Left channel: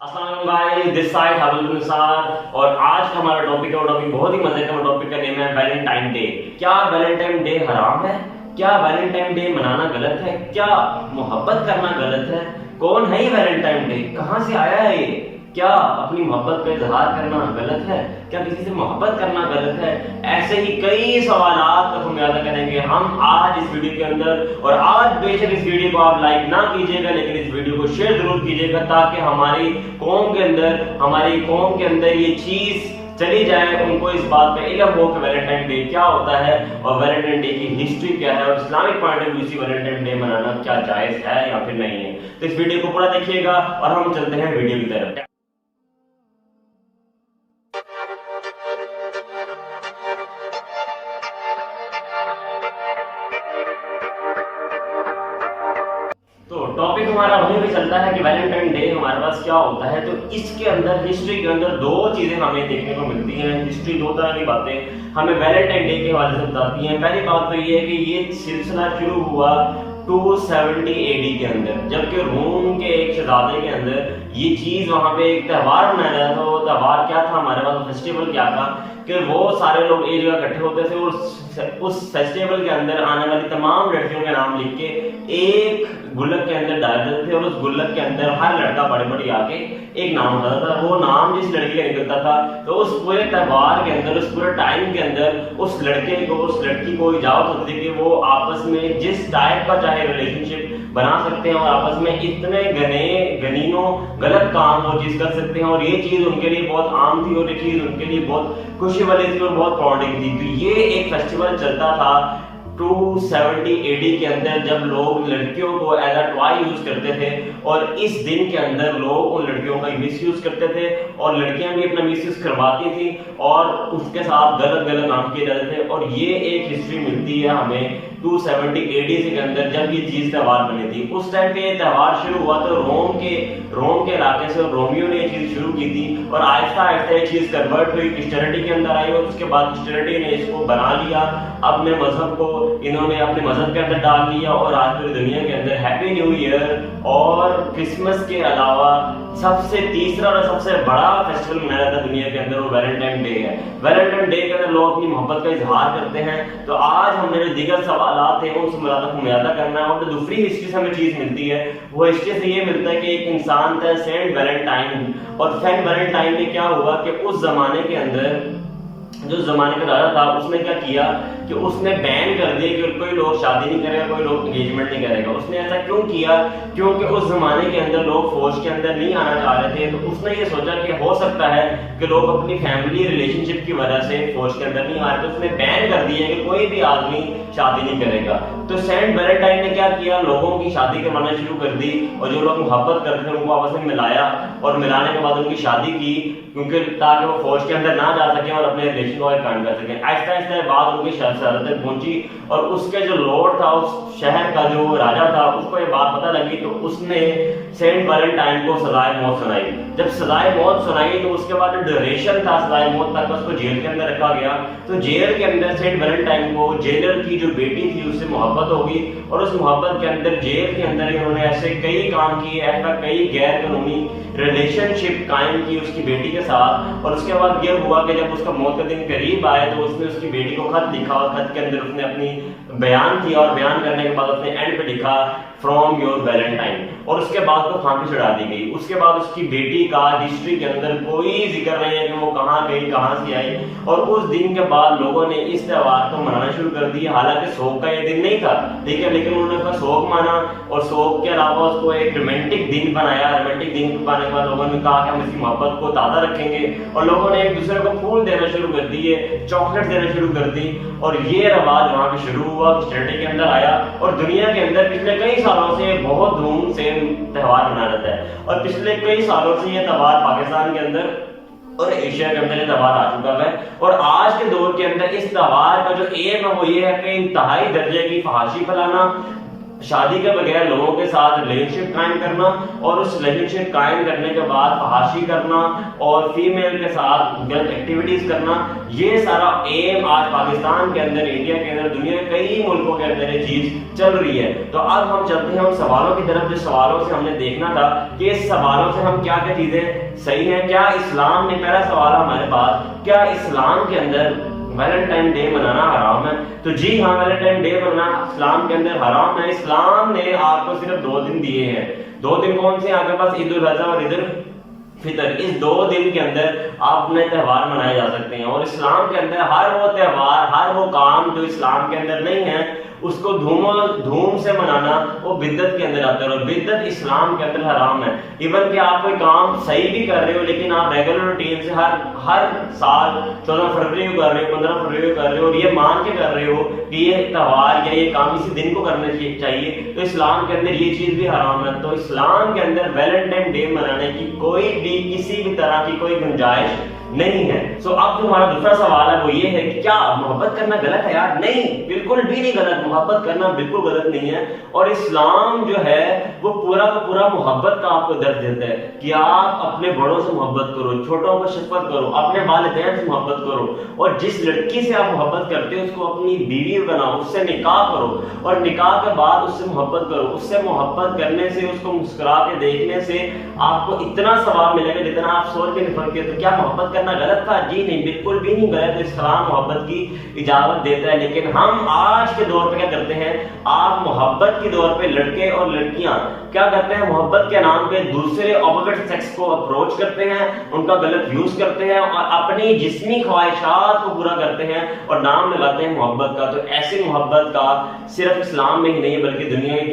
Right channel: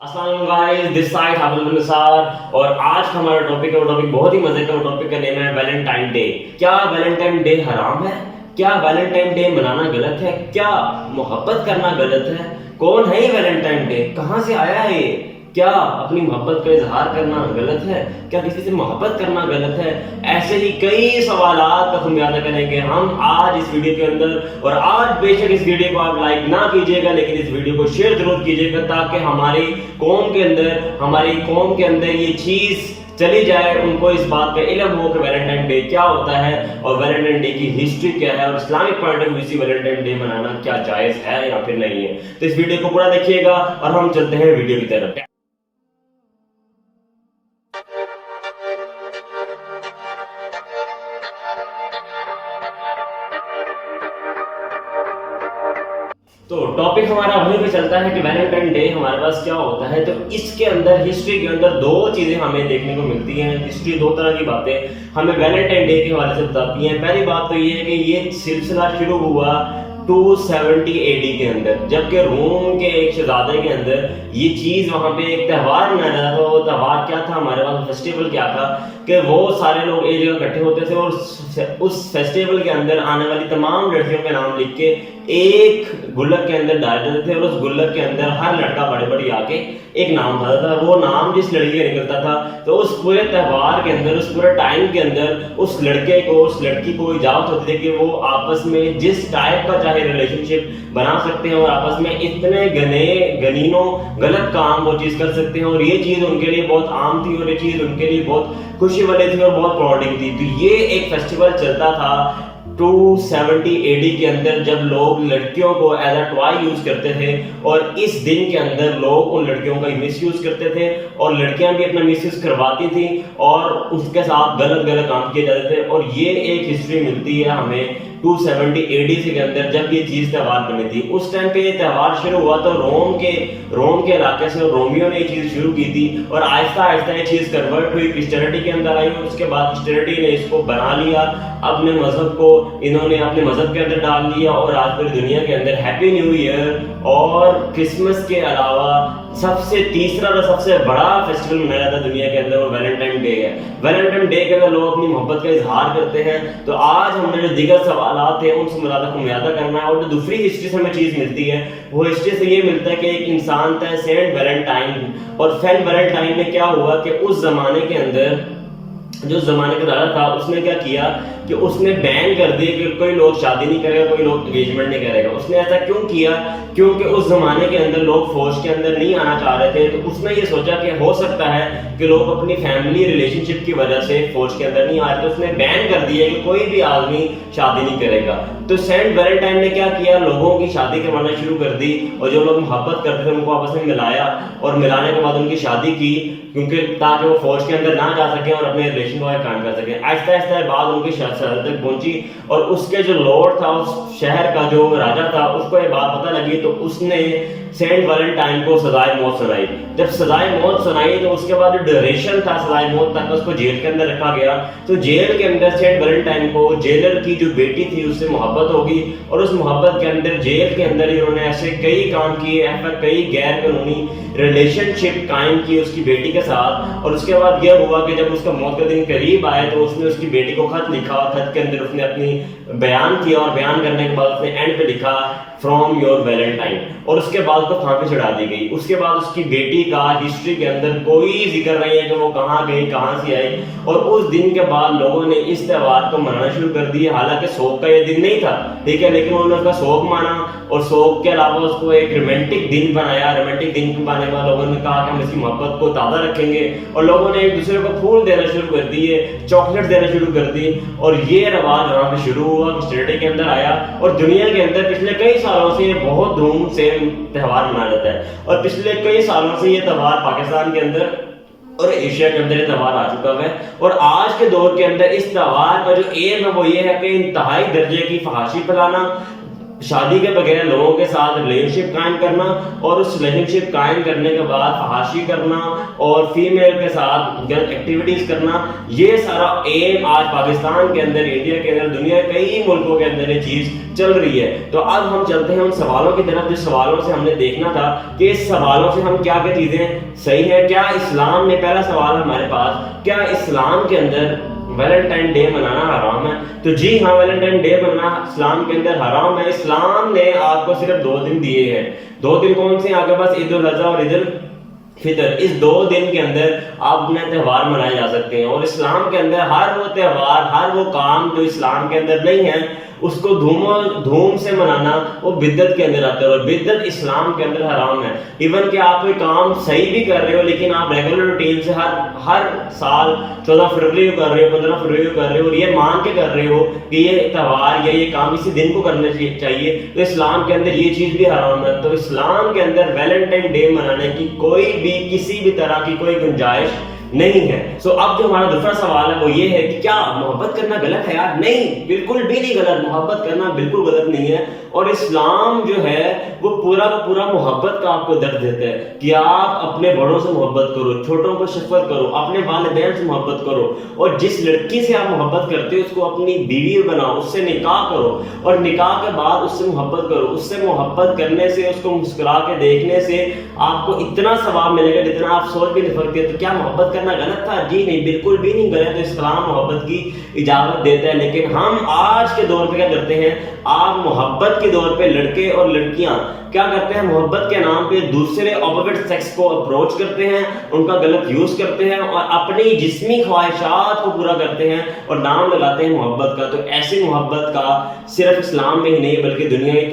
अस्सलाम वालेकुम guys, this side हाफिज़ुल Nisar. और आज का हमारा टॉपिक है, वो टॉपिक बहुत ही मजे का। वो टॉपिक का नेम है वैलेंटाइन डे। क्या वैलेंटाइन डे हराम है? क्या वैलेंटाइन डे मनाना गलत है? क्या मोहब्बत करना गलत है? कौन है ये वैलेंटाइन डे? कहाँ से आया है ये? क्या अपनी मोहब्बत का इजहार करना गलत है? क्या किसी से मोहब्बत करना गलत है? ऐसे ही कई सवालात का खुमियाजा करेंगे हम आज इस वीडियो के अंदर। और आज बेशक इस वीडियो को आप लाइक ना कीजिएगा, लेकिन इस वीडियो को शेयर जरूर कीजिएगा, ताकि हमारी कौम के अंदर ये चीज चली जाए, उनको इस बात का इल्म हो कि वैलेंटाइन डे क्या होता है और वैलेंटाइन डे की हिस्ट्री क्या है, और इस्लामिक पॉइंट ऑफ व्यू से वैलेंटाइन डे मनाना क्या जायज है या फिर नहीं है। तो इस वीडियो को पूरा देखिएगा और हम चलते हैं वीडियो की तरफ। तो टॉपिक हमारा वहीं पे चलता है कि वैलेंटाइन डे हमारे पास क्या होता है। तो इसके अंदर हिस्ट्री के अंदर दो चीजें हमें देखने को मिलती हैं। हिस्ट्री दो तरह की बातें हमें वैलेंटाइन डे के हवाले से बताती हैं। पहली बात तो ये है कि ये सिलसिला शुरू हुआ 270 एडी के अंदर, जबकि रोम के एक शहजादे के अंदर ये चीज वहां पे एक त्यौहार मनाया जाता था। वो त्यौहार क्या था, हमारे पास फेस्टिवल क्या था कि वो सारे लोग एक जगह इकट्ठे होते थे और उस फेस्टिवल के अंदर आने वाली तमाम लड़कियों के नाम लिख के एक गुल्लक के अंदर डाल देते थे, और उस गुल्लक के अंदर हर लड़का बड़े बड़ी आके एक नाम उठाता था। वो नाम जिस लड़की का निकलता था, तो उस पूरे त्यौहार के अंदर, उस पूरे टाइम के अंदर उस लड़के को, उस लड़की को इजाजत होती थी कि वो आपस में जिस टाइप का चाहे रिलेशनशिप बना सकते हैं और आपस में इतने गनीनों गलत काम वो चीज कर सकते हैं। और ये चीज उनके लिए बहुत आम थी और ये चीज उनके लिए बहुत खुशी वाली थी और बहुत प्राउडिंग थी। तो ये एक फेस्टिवल चलता था 270 एडी के अंदर, जब लोग लड़कियों को एज अ टॉय यूज करते थे, और इस दिन के अंदर लोग उन लड़कियों का मिस यूज करते थे और लड़कियां भी अपना मिस यूज करवाती थी और उसके साथ गलत गलत काम किए जाते थे। और ये एक हिस्ट्री मिलती है हमें 270 एडी के अंदर, जब ये चीज त्यौहार बनी थी। उस टाइम पे ये त्यौहार शुरू हुआ तो रोम के इलाके से रोमियो ने ये चीज शुरू की थी, और आहिस्ता आहिस्ता ये चीज कन्वर्ट हुई, क्रिश्चियनिटी के अंदर आई, और उसके बाद क्रिश्चियनिटी ने इसको बना लिया, अपने मजहब को इन्होंने अपने मजहब के अंदर डाल लिया। और आज पूरी दुनिया के अंदर हैप्पी न्यू ईयर और क्रिसमस के अलावा सबसे तीसरा और सबसे बड़ा फेस्टिवल मनाया जाता है दुनिया के अंदर, वो वैलेंटाइन डे है। वैलेंटाइन डे के अंदर लोग अपनी मोहब्बत का इजहार करते हैं। तो आज हमने जो दीगर सवालात थे उन सवालों को मुयादा करना है। और जो दूसरी हिस्ट्री से हमें चीज मिलती है, वो हिस्ट्री से ये मिलता है कि एक इंसान था सेंट वैलेंटाइन। और सेंट वैलेंटाइन में क्या हुआ कि उस जमाने के अंदर जो जमाने का राजा था, उसने क्या किया कि उसने बैन कर दिया कि कोई लोग शादी नहीं करेगा, कोई लोग एंगेजमेंट नहीं करेगा। उसने ऐसा क्यों किया? क्योंकि उस जमाने के अंदर लोग फौज के अंदर नहीं आना चाह रहे थे। तो उसने ये सोचा कि हो सकता है कि लोग अपनी फैमिली रिलेशनशिप की वजह से फौज के अंदर नहीं आ रहे, तो उसने बैन कर दिया कि कोई भी आदमी शादी नहीं करेगा। तो सेंट वैलेंटाइन ने क्या किया, लोगों की शादी करवाना शुरू कर दी, और जो लोग मोहब्बत करते थे उनको आपस में मिलाया, और मिलाने के बाद उनकी शादी की, क्योंकि ताकि वो फौज के अंदर ना जा सके और अपने रिलेशन को कायम कर सके। आहिस्ता आहिस्ता बात उनकी शहादत तक पहुंची, और उसके जो लॉर्ड था, उस शहर का जो राजा था, उसको ये बात पता लगी, तो उसने सेंट वैलेंटाइन को सजाए मौत सुनाई। जब सजाए मौत सुनाई तो उसके बाद जो ड्यूरेशन था सजाए मौत तक, उसको जेल के अंदर रखा गया। तो जेल के अंदर सेंट वैलेंटाइन को जेलर की जो बेटी थी उससे मोहब्बत होगी, और उस मोहब्बत के अंदर जेल के अंदर इन्होंने ऐसे कई काम किए, ऐसा कई गैर कानूनी रिलेशनशिप कायम की उसकी बेटी के साथ। और उसके बाद यह हुआ कि जब उसका मौत का दिन करीब आया तो उसने उसकी बेटी को खत लिखा, और खत के अंदर उसने अपनी बयान किया, और बयान करने के बाद उसने एंड पे लिखा फ्रॉम योर वैलेंटाइन, और उसके बाद तो फांसी चढ़ा दी गई। उसके बाद उसकी बेटी का हिस्ट्री के अंदर कोई जिक्र नहीं है कि वो कहाँ गई, कहाँ से आई। और उस दिन के बाद लोगों ने इस त्यौहार को मनाना शुरू कर दिया। हालांकि शोक का ये दिन नहीं था, ठीक है, लेकिन उन्होंने उसका शोक माना, और शोक के अलावा उसको एक रोमांटिक दिन बनाया। रोमांटिक दिन बनाने के बाद लोगों ने कहा कि हम इसकी मोहब्बत को ताज़ा रखेंगे, और लोगों ने एक दूसरे को फूल देना शुरू कर दिए, चॉकलेट देना शुरू कर दी, और ये रवाज वहाँ पे शुरू हुआ, क्रिश्चियनिटी के अंदर आया। और दुनिया के अंदर पिछले कई सालों से बहुत धूम से त्यौहार मनाया जाता है, और पिछले कई सालों से ये त्यौहार पाकिस्तान के अंदर और एशिया के अंदर ये त्यौहार आ चुका है। और आज के दौर के अंदर इस त्यौहार का जो एम है वो ये है कि इंतहाई दर्जे की फहाशी फैलाना, شادی کے بغیر لوگوں کے ساتھ ریلیشن شپ قائم کرنا اور اس ریلیشن شپ قائم کرنے کے بعد فحاشی کرنا اور فیمیل کے ساتھ غلط ایکٹیویٹیز کرنا، یہ سارا ایم آج پاکستان کے اندر، انڈیا کے اندر، دنیا کے کئی ملکوں کے اندر یہ چیز چل رہی ہے۔ تو اب ہم چلتے ہیں ان سوالوں کی طرف، جس سوالوں سے ہم نے دیکھنا تھا کہ اس سوالوں سے ہم کیا کیا چیزیں صحیح ہیں۔ کیا اسلام نے، پہلا سوال ہمارے پاس، کیا اسلام کے اندر ویلنٹائن ڈے منانا حرام ہے؟ تو جی ہاں، ویلنٹائن ڈے منانا اسلام کے اندر حرام ہے۔ اسلام نے آپ کو صرف 2 دن دیے ہیں۔ 2 دن کون سے ہیں آپ کے پاس؟ عید الاضحیٰ اور عید الفطر۔ اس 2 دن کے اندر آپ اپنے تہوار منائے جا سکتے ہیں، اور اسلام کے اندر ہر وہ تہوار، ہر وہ کام جو اسلام کے اندر نہیں ہے، اس کو دھوم سے منانا وہ بدعت کے اندر آتا ہے، اور بدعت اسلام کے اندر حرام ہے۔ ایون کہ آپ کوئی کام صحیح بھی کر رہے ہو، لیکن آپ ریگولر روٹین سے ہر سال 14 فروری کو کر رہے ہو، 15 فروری کو کر رہے ہو، اور یہ مان کے کر رہے ہو کہ یہ تہوار یا یہ کام اسی دن کو کرنا چاہیے، تو اسلام کے اندر یہ چیز بھی حرام ہے۔ تو اسلام کے اندر ویلنٹائن ڈے منانے کی کوئی بھی کسی بھی طرح کی کوئی گنجائش نہیں ہے۔ اب جو ہمارا دوسرا سوال ہے وہ یہ ہے کہ کیا محبت کرنا غلط ہے؟ یار نہیں، بالکل بھی نہیں غلط، محبت کرنا بالکل غلط نہیں ہے، اور اسلام جو ہے وہ پورا کا پورا محبت کا آپ کو درس دیتا ہے کہ آپ اپنے بڑوں سے محبت کرو، چھوٹوں کو شفقت کرو، اپنے والدین سے محبت کرو، اور جس لڑکی سے آپ محبت کرتے ہو اس کو اپنی بیوی بناؤ، اس سے نکاح کرو، اور نکاح کے بعد اس سے محبت کرو۔ اس سے محبت کرنے سے، اس کو مسکرا کے دیکھنے سے آپ کو اتنا ثواب ملے گا جتنا آپ سوچ بھی نہیں سکتے۔ تو کیا محبت کرنا غلط تھا؟ جی نہیں، بالکل بھی نہیں غلط۔ اسلام محبت کی اجازت دیتا ہے، لیکن ہم آج کے دور پہ کیا کرتے ہیں؟ آپ محبت کے دور پہ لڑکے اور لڑکیاں کیا کرتے ہیں؟ محبت کے نام پہ دوسرے اپوزٹ سیکس کو اپروچ کرتے ہیں، ان کا غلط یوز کرتے ہیں، اور اپنی جسمی خواہشات کو پورا کرتے ہیں اور نام لگاتے ہیں محبت کا۔ تو ایسی محبت کا صرف اسلام میں ہی نہیں بلکہ دنیا کے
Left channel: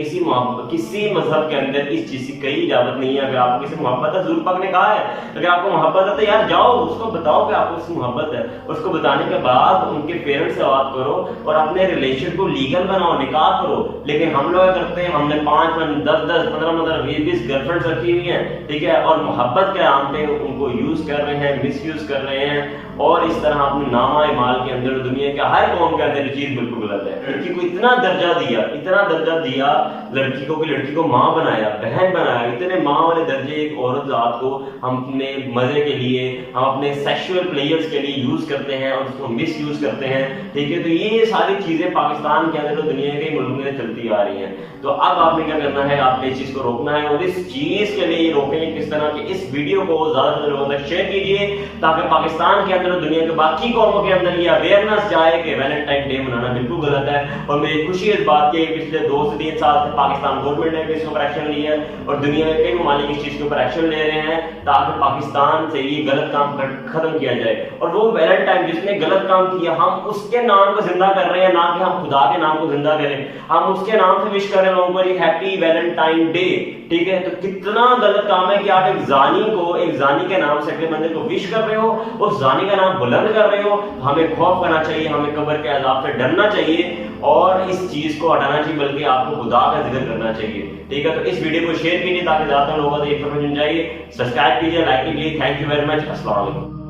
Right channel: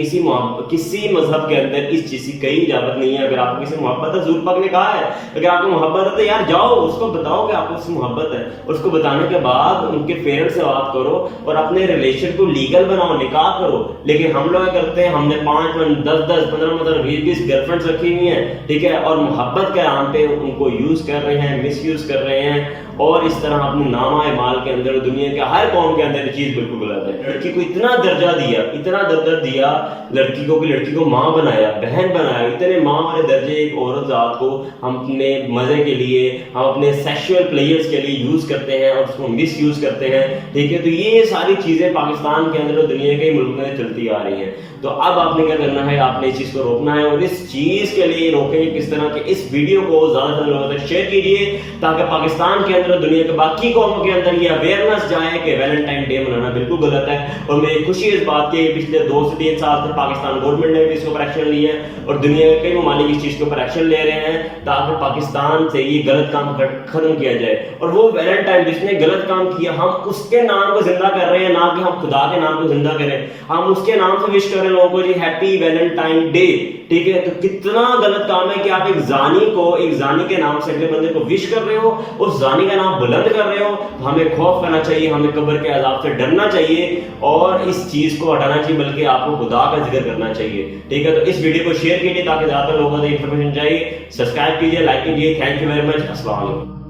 کسی مذہب کے اندر اس چیز کی کوئی اجازت نہیں ہے۔ اگر آپ کو کسی سے محبت ہے، حضور پاک نے کہا ہے اگر آپ کو محبت ہے تو یار جاؤ اس کو بتاؤ کہ آپ کو اس سے محبت ہے، اور اس کو بتانے کے بعد ان کے پیرنٹس سے بات کرو اور اپنے ریلیشن کو لیگل بناؤ، نکاح کرو۔ لیکن ہم لوگ کیا کرتے ہیں؟ ہم نے 5 10 15 20 گرل فرینڈز رکھی ہوئی ہیں، ٹھیک ہے، اور محبت کے نام پہ ان کو یوز کر رہے ہیں، مس یوز کر رہے ہیں، اور اس طرح اپنے نامہ اعمال کے اندر دنیا کے ہر قوم کے اندر یہ چیز بالکل غلط ہے۔ لڑکی کو اتنا درجہ دیا لڑکی کو کہ لڑکی کو ماں بنایا، بہن بنایا، اتنے ماں والے درجے ایک عورت ذات کو ہم اپنے مزے کے لیے، ہم اپنے سیکشول پلیئرز کے لیے یوز کرتے ہیں اور اس کو مس یوز کرتے ہیں، ٹھیک ہے۔ تو یہ ساری چیزیں پاکستان کے اندر اور دنیا کے ملکوں میں چلتی آ رہی ہیں۔ تو اب آپ نے کیا کرنا ہے؟ آپ نے اس چیز کو روکنا ہے، اور اس چیز کے لیے روکیں گے کس طرح کہ اس ویڈیو کو زیادہ سے زیادہ لوگوں تک شیئر کیجیے تاکہ پاکستان کے اندر اور دنیا کے باقی قوموں کے اندر یہ اویئرنیس جائے کہ ویلنٹائن ڈے منانا بالکل غلط ہے۔ اور میری خوشی اس بات کی کہ پچھلے 2 سے 3 سال سے پاکستان گورنمنٹ نے بھی اس کے اوپر ایکشن لیا ہے، اور دنیا کے کئی ممالک اس چیز کے اوپر ایکشن لے رہے ہیں تاکہ پاکستان سے یہ غلط کام ختم کیا جائے۔ اور وہ ویلنٹائن جس نے غلط کام کیا، ہم اس کے نام کو زندہ کر رہے ہیں، نہ کہ ہم خدا کے نام کو زندہ کریں۔ ہم اس کے نام سے وش کر رہے ہیں لوگوں کو، جی ہیپی ویلنٹائن ڈے، ٹھیک ہے۔ تو کتنا غلط کام ہے کہ آپ ایک زانی کے نام سے اگلے بندے کو وش کر رہے ہو، اس زانی کا نام بلند کر رہے ہو۔ تو ہمیں خوف کرنا چاہیے، ہمیں قبر کے عذاب سے ڈرنا چاہیے اور اس چیز کو ہٹانا چاہیے، بلکہ آپ کو خدا کا ذکر کرنا چاہیے، ٹھیک ہے۔ تو اس ویڈیو کو شیئر کیجیے تاکہ زیادہ تر لوگوں تک انفارمیشن جائے، سبسکرائب کیجیے، لائک کیجیے۔ تھینک یو ویری مچ، السلام علیکم۔